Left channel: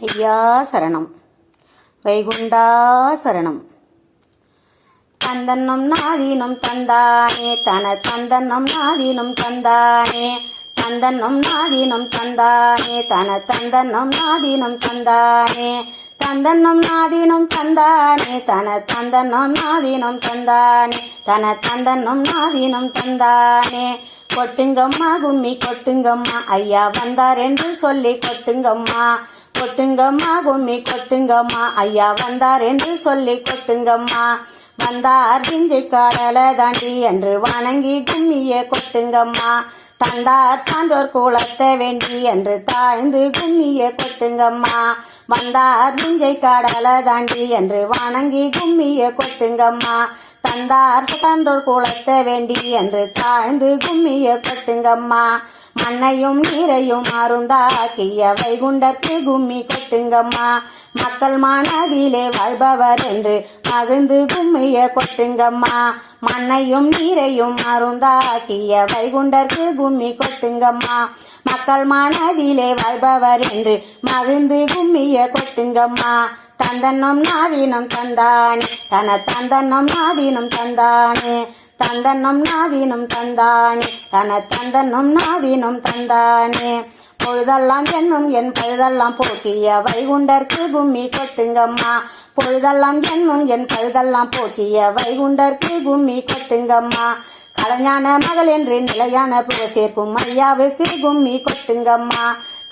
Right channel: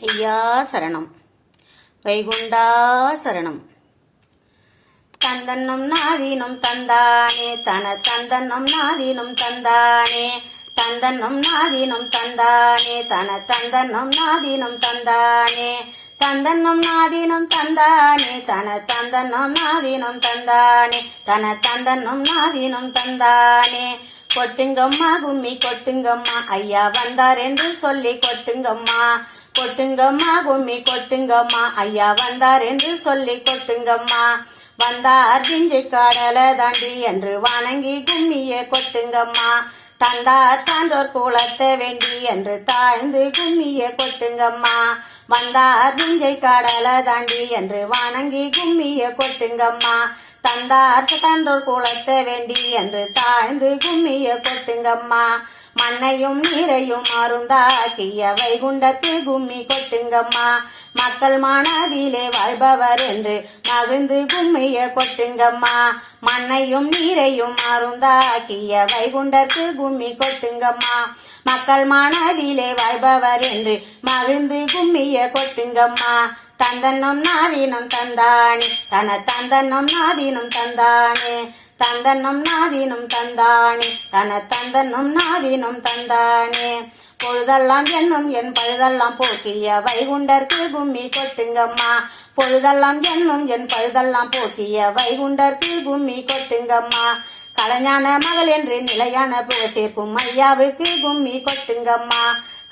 ஐயா சரணம். வைகுண்டா சரணம். தந்தன்னம் நாதீனம் தந்தானே தன தந்தன்னம் நாதீனம் தந்தானே தந்தன்னம் நாதீனம் தந்தானே தன தந்தன்னம் நாதீனம் தந்தானே தந்தன்னம் நாதீனம் தந்தானே தன தந்தன்னம் நாதீனம் தந்தானே தன தந்தன்னம் நாதீனம் தந்தானே. கொட்டுங்கம்மா கும்மி கொட்டுங்கம்மா ஐயா வந்தார் என்று சொல்லி கொட்டுங்கம்மா. கொட்டுங்கம்மா கும்மி கொட்டுங்கம்மா. ஐயா வந்தார் என்று சொல்லி கொட்டுங்கம்மா. வந்தார் பிஞ்சு காடல தாண்டி என்று வணங்கி கும்மிய கொட்டுங்கம்மா. தந்தார் சான்றோர் குளத்தை வேண்டி என்று தாழ்ந்து கும்மிய கொட்டுங்கம்மா. வந்தார் பிஞ்சை கடல தாண்டி என்று வணங்கி கும்மிய கொட்டுங்கம்மா. தந்தார் சான்றோர் குளத்தை வேண்டி என்று தாழ்ந்து கும்மிய கொட்டுங்கம்மா. மண்ணையும் நீரையும் அருந்தாக்கிய வைகுண்டத்து கும்மி கொட்டுங்கம்மா. மக்கள் மனதிலே வாழ்பவர் என்று மகிழ்ந்து கும்மிய கொட்டுங்கம்மா. மண்ணையும் நீரையும் அருந்தாக்கிய வைகுண்டற்கு கும்மி கொட்டுங்கம்மா. மக்கள் மனதிலே வாழ்பவர் என்று மகிழ்ந்து கும்மிய கொட்டுங்கம்மா. தந்தன்னம் நாதீனம் தந்தானே தன தந்தன்னம் நாதீனம் தந்தானே. தந்தன்னம் நாதீனம் தந்தானே. தன தந்தன்னம் நாதீனம் தந்தானே. பொழுதெல்லாம் என்னும் என் பழுதெல்லாம் போக்கிய வைகுண்டர்க்கு கும்மி கொட்டுங்கம்மா. பொழுதெல்லாம் என்னும் என் பழுதெல்லாம் போக்கிய வைகுண்டர்க்கு கும்மி கொட்டுங்கம்மா. கலைஞான மகள் என்று நிலையான புற சேர்க்கும் ஐயாவுக்கு கும்மி கொட்டுங்கம்மா.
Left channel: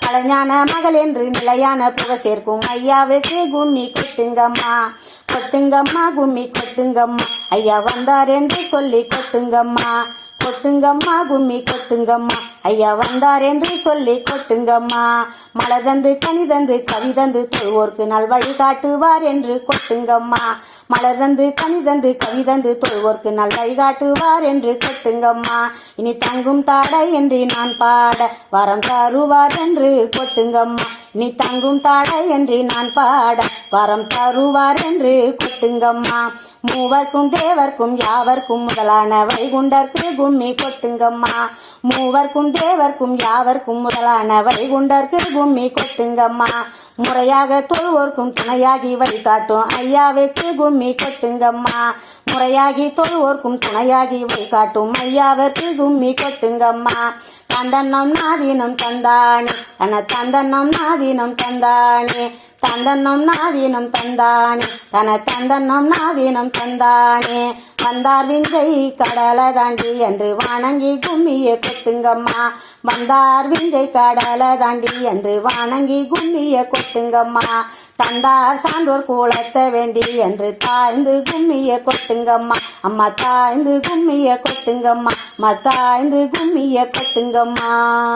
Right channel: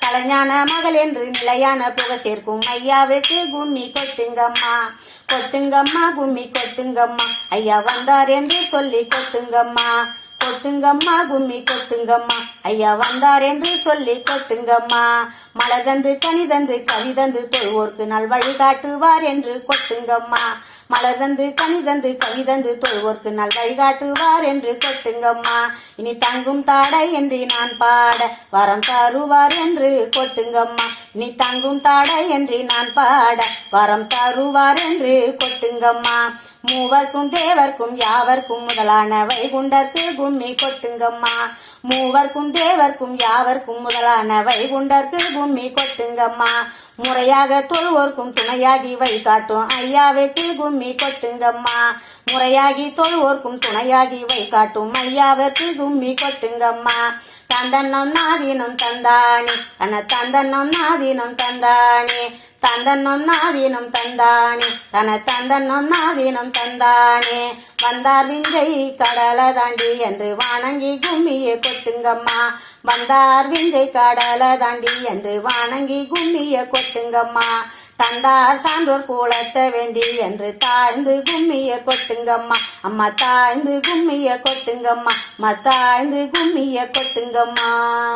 கலைஞான மகள் என்று நிலையான புகை சேர்க்கும் ஐயாவுக்கு கும்மி கொட்டுங்கம்மா. கொட்டுங்கம்மா கும்மி கொட்டுங்கம்மா. ஐயா வந்தார் என்று சொல்லி கொட்டுங்கம்மா. கொட்டுங்கம்மா கும்மி கொட்டுங்கம்மா. ஐயா வந்தார் என்று சொல்லி கொட்டுங்கம்மா. மழை தந்து கனி தந்து கவி தந்து தொழுவோர்க்கு நல் வழி காட்டுவார் என்று கொட்டுங்கம்மா. மலர் தந்து கனி தந்து கவி தந்து தொழுவோர்க்கு நல் வழி காட்டுவார் என்று கொட்டுங்கம்மா. இனி தங்கும் தாடை என்று நான் பாட வரம் தருவார் என்று கொட்டுங்கம்மா. நீ தங்கும் தாடை என்று நான் பாட வரம் தருவார் என்று கொட்டுங்கம்மா. மூவர்க்கும் தேவர்க்கும் யாவர்க்கும் முதலான வைகுண்டர்க்கு கும்மி கொட்டுங்கம்மா. மூவர்க்கும் தேவர்க்கும் யாவர்க்கும் முதலான வைகுண்டர்க்கு கும்மி கொட்டுங்கம்மா. முறையாக தொழுவோர்க்கும் துணையாகி வழிகாட்டும். ஐயாவுக்கு கும்மி கொட்டுங்கம்மா முறையாகி தொழுவோர்க்கும் துணையாகி வழிகாட்டும். ஐயாவுக்கு கும்மி கொட்டுங்கம்மா தந்தன்னம் நாதீனம் தந்தானே. தன தந்தன்னம் நாதீனம் தந்தானே. தந்தன்னம் நாதீனம் தந்தானே. தன தந்தன்னம் நாதீனம் தந்தானே. வந்தார் விஞ்சை கடலை தாண்டி என்று வணங்கி கும்மியை கொட்டுங்கம்மா. வந்தார் விஞ்சை கடல தாண்டி என்று வணங்கி கும்மிய கொட்டுங்கம்மா. தந்தார் சான்றோர் கூலத்த வேண்டி என்று தாழ்ந்து கும்மிய கொட்டுங்கம்மா. அம்மா தாழ்ந்து கும்மிய கொட்டுங்கம்மா. அம்மா தாழ்ந்து கும்மிய கொட்டுங்கம்மா.